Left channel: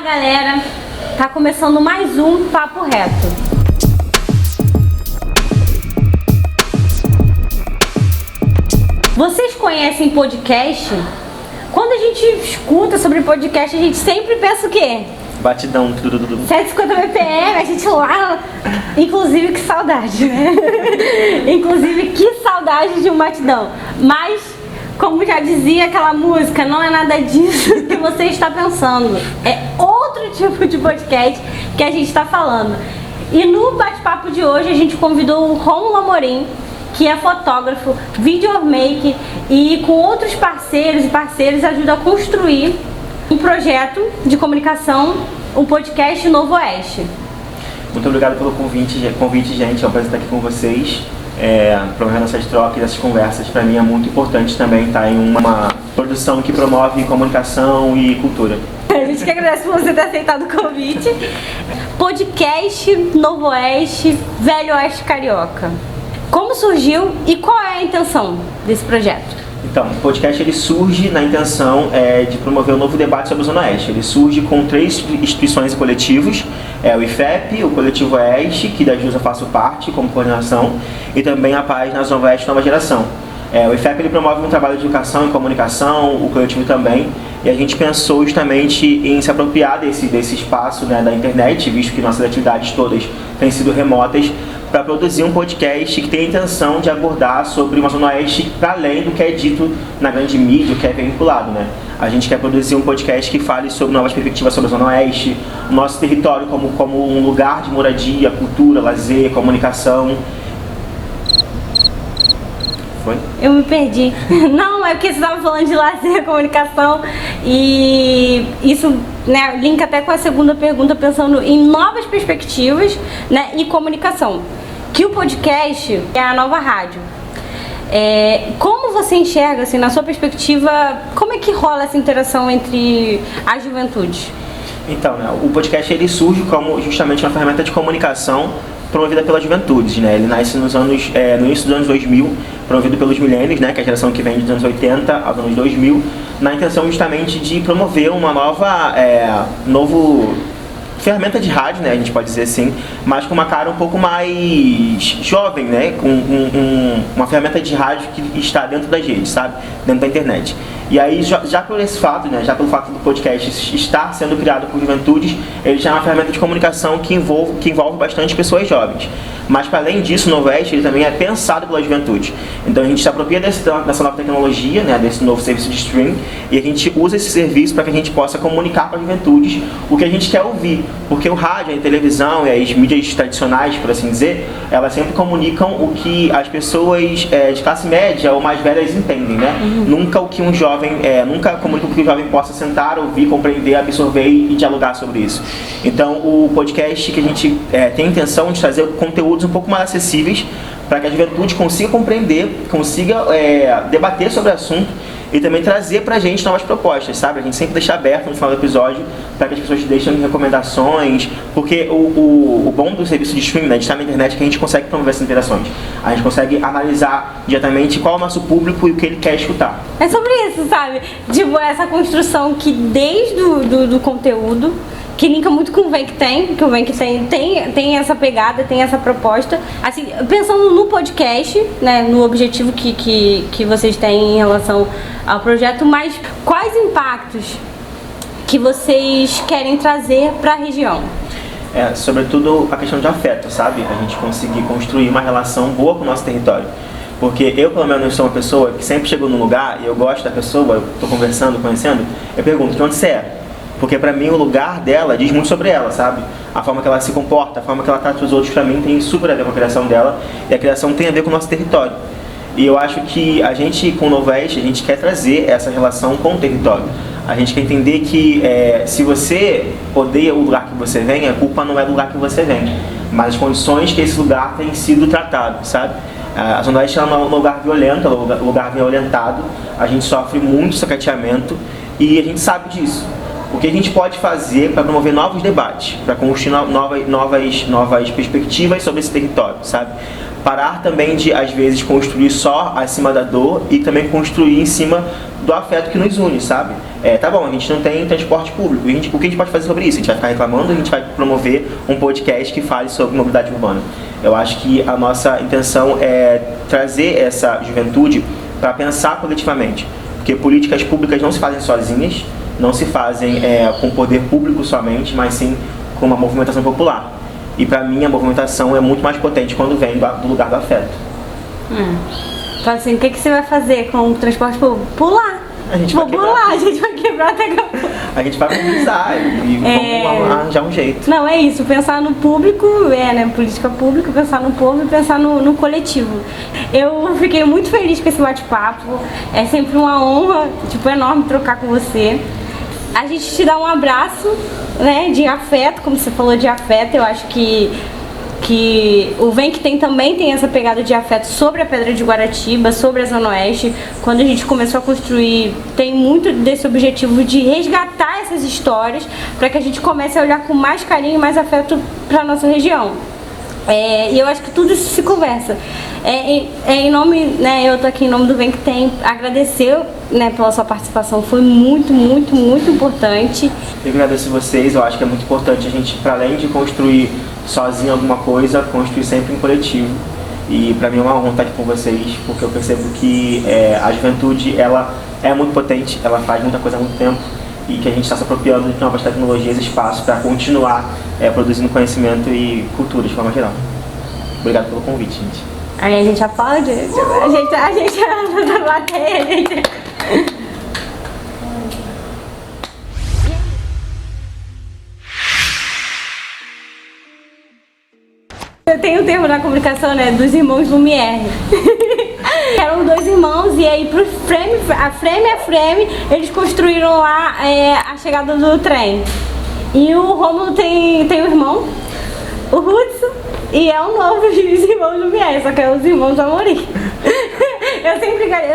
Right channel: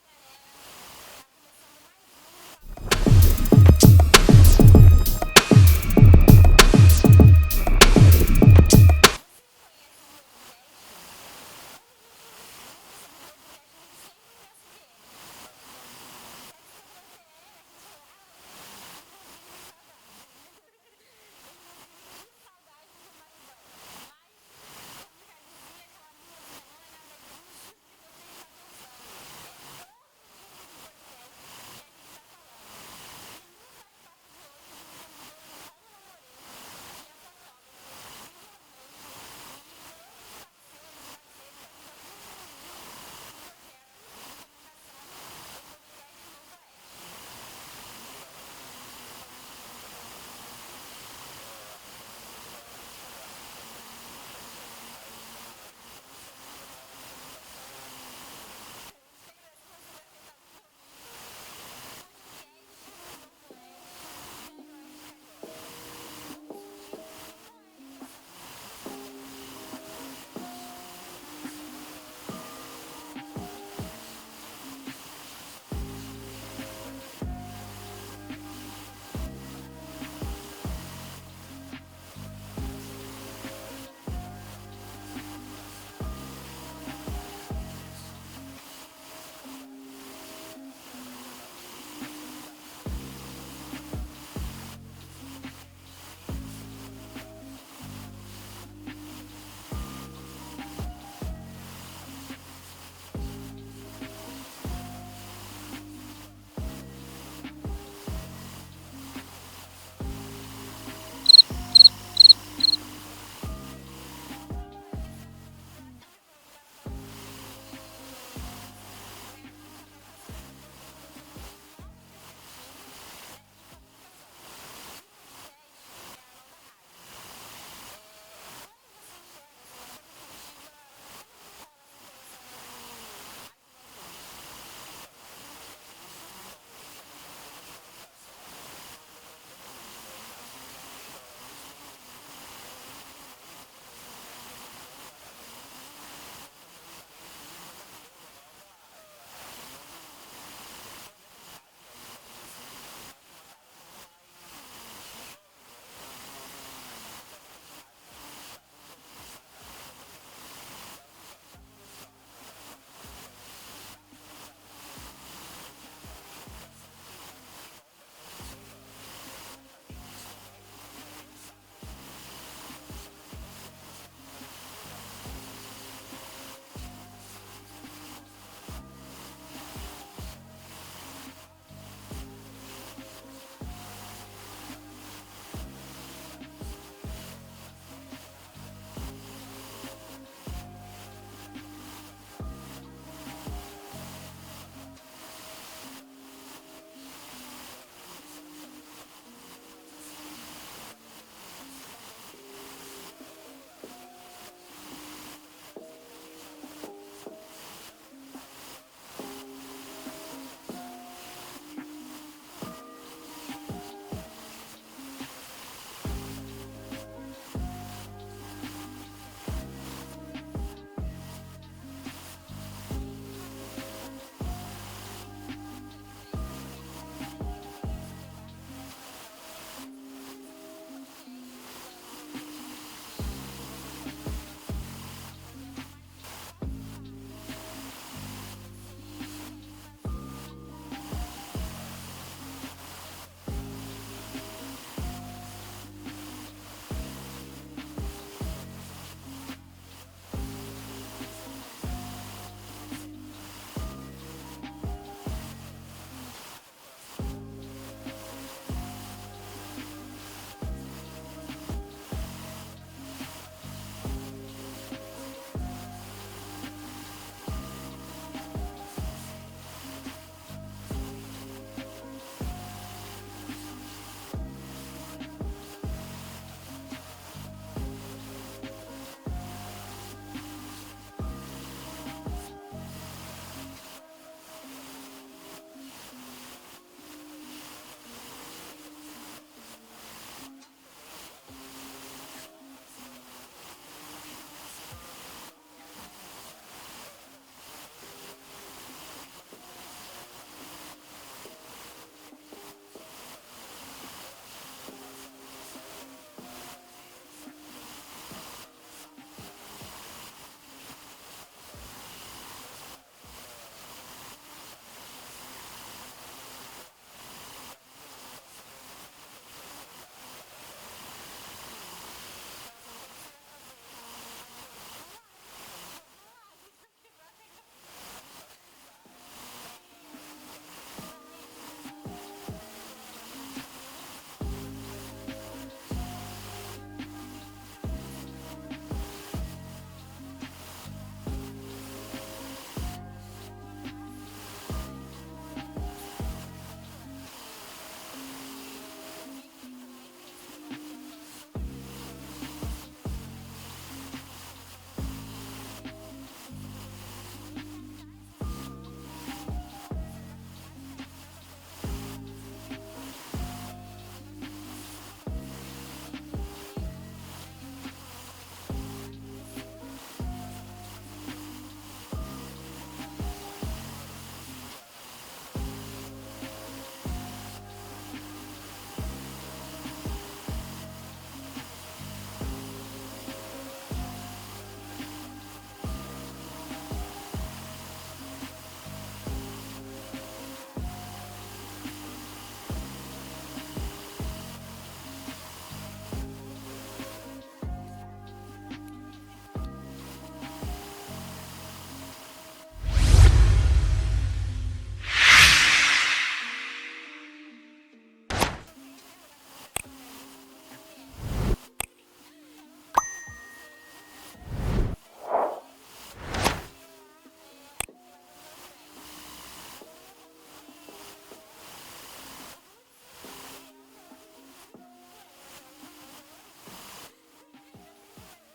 Fala galera, tá começando mais um Papo Reto. Vocês conhecem podcast? Quando a gente escuta sobre podcast, a gente sempre pensa o quê? Batidão, tudo. 150 BPM, a gente lá. Inclusive, que saudade, né? Inclusive, que saudade de um batidão. Mas, como já dizia aquela música, não é nada disso que você está pensando. É outro tipo de podcast que a gente está falando. E no bate-papo de hoje, a gente convidou o Rômulo Amorim, que é fotógrafo, videomaker e com outros parceiros e parceiras ajuda a construir um projeto de comunicação, um podcast Novo Oeste. Muito obrigado pelo convite, gente. É um prazer estar aqui com vocês. Promovendo essas trocas, essas conversas, para mim é muito importante também estar em uma produção que promove comunicação e cultura. A gente que agradece por você ter aceitado o convite. Podcast Novo Oeste, Velho Oeste Carioca. Como surgiu e qual é a intenção desse projeto? Então, o podcast ele surge na intenção de promover um novo debate sobre a Zona Oeste. Ele surge com 3 instituições e coletivos, o IFEP, o Coletivo Oeste, que da JUSA faço parte como coordenação, e também a página Zona Oeste Nova Geração. O IFEP ele promove um trabalho de educação e comunicação, o coletivo também, e a gente pensou justamente em se apropriar desse espaço, né, da internet, visto que nossas atividades todas têm sido remotas, para produzir um podcast que tem a intenção de abordar sobre uma Zona Oeste para além do que é dito na grande mídia, que é vinculado, né? A gente quer produzir um podcast que fale sobre novas perspectivas sobre a Zona Oeste, o nosso território como um lugar de moradia, cultura, lazer, comunicação. Foi? Eu me perdi. Não, é porque você estava falando de lazer, comunicação e isso, né, linka até com a segunda pergunta, pensando em novas perspectivas, né, e comunicação. Que o podcast é a nova rádio. Como você enxerga, assim, na sua perspectiva, como é que rola essa interação entre as juventudes? Então, né, o podcast ele surge como justamente uma ferramenta de comunicação promovida pelas juventudes, né? Ele nasce no início dos anos 2000, promovido pelos millennials, né? Que é a geração que vem dos anos 80 aos anos 2000, na intenção justamente de promover uma novo ferramenta de rádio, né? A gente pode dizer assim, mas com uma cara um pouco mais jovem, né? Com uma ferramenta de rádio que está dentro das redes, sabe? Dentro da internet. E aí, já por esse fato, né, já pelo fato do podcast estar sendo criado por juventudes, ele já é uma ferramenta de comunicação que envolve bastante pessoas jovens. Mas, para além disso, o Novo Oeste ele também é pensado pela juventude. Então, a gente se apropria dessa nova tecnologia, né, desse novo serviço de streaming, e a gente usa esse serviço para que a gente possa comunicar para as juventudes o que a gente quer ouvir. Porque o rádio, a televisão e as mídias tradicionais, por assim dizer, elas sempre comunicam o que as pessoas de classe média ou mais velhas entendem, né? Nunca o que um jovem nunca comunica o que o jovem possa sentar, ouvir, compreender, absorver e dialogar sobre isso. Então, o podcast que a gente tem a intenção de trazer conteúdos um pouco mais acessíveis para que a juventude consiga compreender, consiga debater sobre o assunto e também trazer pra gente novas propostas, sabe? A gente sempre deixa aberto no final do episódio para que as pessoas deixem recomendações, porque o bom do serviço de streaming, né, de estar na internet, é que a gente consegue promover essas interações. A gente consegue analisar diretamente qual é o nosso público e o que ele quer escutar. É sobre isso, sabe? Tipo, essa construção que desde do conteúdo, que linka muito com o Vem Que Tem, que o Vem Que tem essa pegada, tem essa proposta. Assim, pensando no podcast, né, no objetivo que vocês têm em relação ao projeto, mas quais impactos que vocês querem trazer para a região? Sobretudo a questão de afeto, sabe? A gente conseguir construir uma relação boa com o nosso território. Porque eu, pelo menos, sou uma pessoa que sempre chego num lugar e eu gosto da pessoa, eu tô conversando, conhecendo, eu pergunto, de onde você é? Porque pra mim o lugar dela diz muito sobre ela, sabe? A forma que ela se comporta, a forma que ela trata os outros, pra mim tem super a ver com a criação dela. E a criação tem a ver com o nosso território. E eu acho que a gente, com o Novo Oeste, a gente quer trazer essa relação com o território. A gente quer entender que se você odeia o lugar que você vem, a culpa não é do lugar que você vem, mas as condições que esse lugar tem sido tratado, sabe? A Zona Oeste é um lugar violento, é um lugar violentado, a gente sofre muito sacateamento e a gente sabe disso. O que a gente pode fazer para promover novos debates, para construir novas perspectivas sobre esse território, sabe? Parar também de, às vezes, construir só acima da dor e também construir em cima do afeto que nos une, sabe? Tá bom, a gente não tem transporte público, o que a gente pode fazer sobre isso? A gente vai ficar reclamando ou a gente vai promover um podcast que fale sobre mobilidade urbana? Eu acho que a nossa intenção é trazer essa juventude para pensar coletivamente, porque políticas públicas não se fazem sozinhas, não se fazem com poder público somente, mas sim com uma movimentação popular. E para mim a movimentação é muito mais potente quando vem do lugar do afeto. Então assim, o que você vai fazer com o transporte público? Pular! A gente vai pular, a gente vai quebrar até acabou. A gente vai mobilizar e vamos arranjar um jeito. Não, é isso, pensar no público, né, política pública, pensar no povo e pensar no coletivo. Eu fiquei muito feliz com esse bate-papo, é sempre uma honra, enorme trocar com você. A gente te dá um abraço, né, de afeto, como você falou de afeto, eu acho que o Vem Que Tem também tem essa pegada de afeto sobre a Pedra de Guaratiba, sobre a Zona Oeste. Quando a gente começou a construir, tem muito desse objetivo de resgatar essas histórias para que a gente comece a olhar com mais carinho e mais afeto para a nossa região. E eu acho que tudo isso se conversa. Em nome, né, eu tô aqui em nome do Vem Que Tem, agradecer, né, pela sua participação, foi muito, muito, muito importante. Eu agradeço vocês, eu acho que é muito importante a gente, para além de construir sozinho alguma coisa, construir sempre em coletivo. E para mim é uma honra estar aqui com vocês, porque eu percebo que a juventude, ela é muito potente, ela faz muita coisa há muito tempo e que a gente está se apropriando de novas tecnologias e espaços para continuar produzindo conhecimento e cultura de forma geral. Obrigado pelo convite, gente. Aí a gente aplaude, a gente anda na plateia, gente. Tem um termo na comunicação, né, dos irmãos Lumière. Eram dois irmãos e aí pro frame, eles construíram lá a chegada do trem. E o Rômulo tem um irmão, o Hudson, e é o novo dos irmãos Lumière, só que é os irmãos Amorim. Eu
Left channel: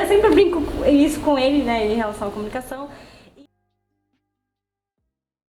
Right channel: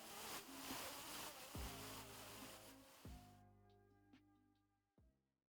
sempre brinco isso com ele, né, em relação à comunicação.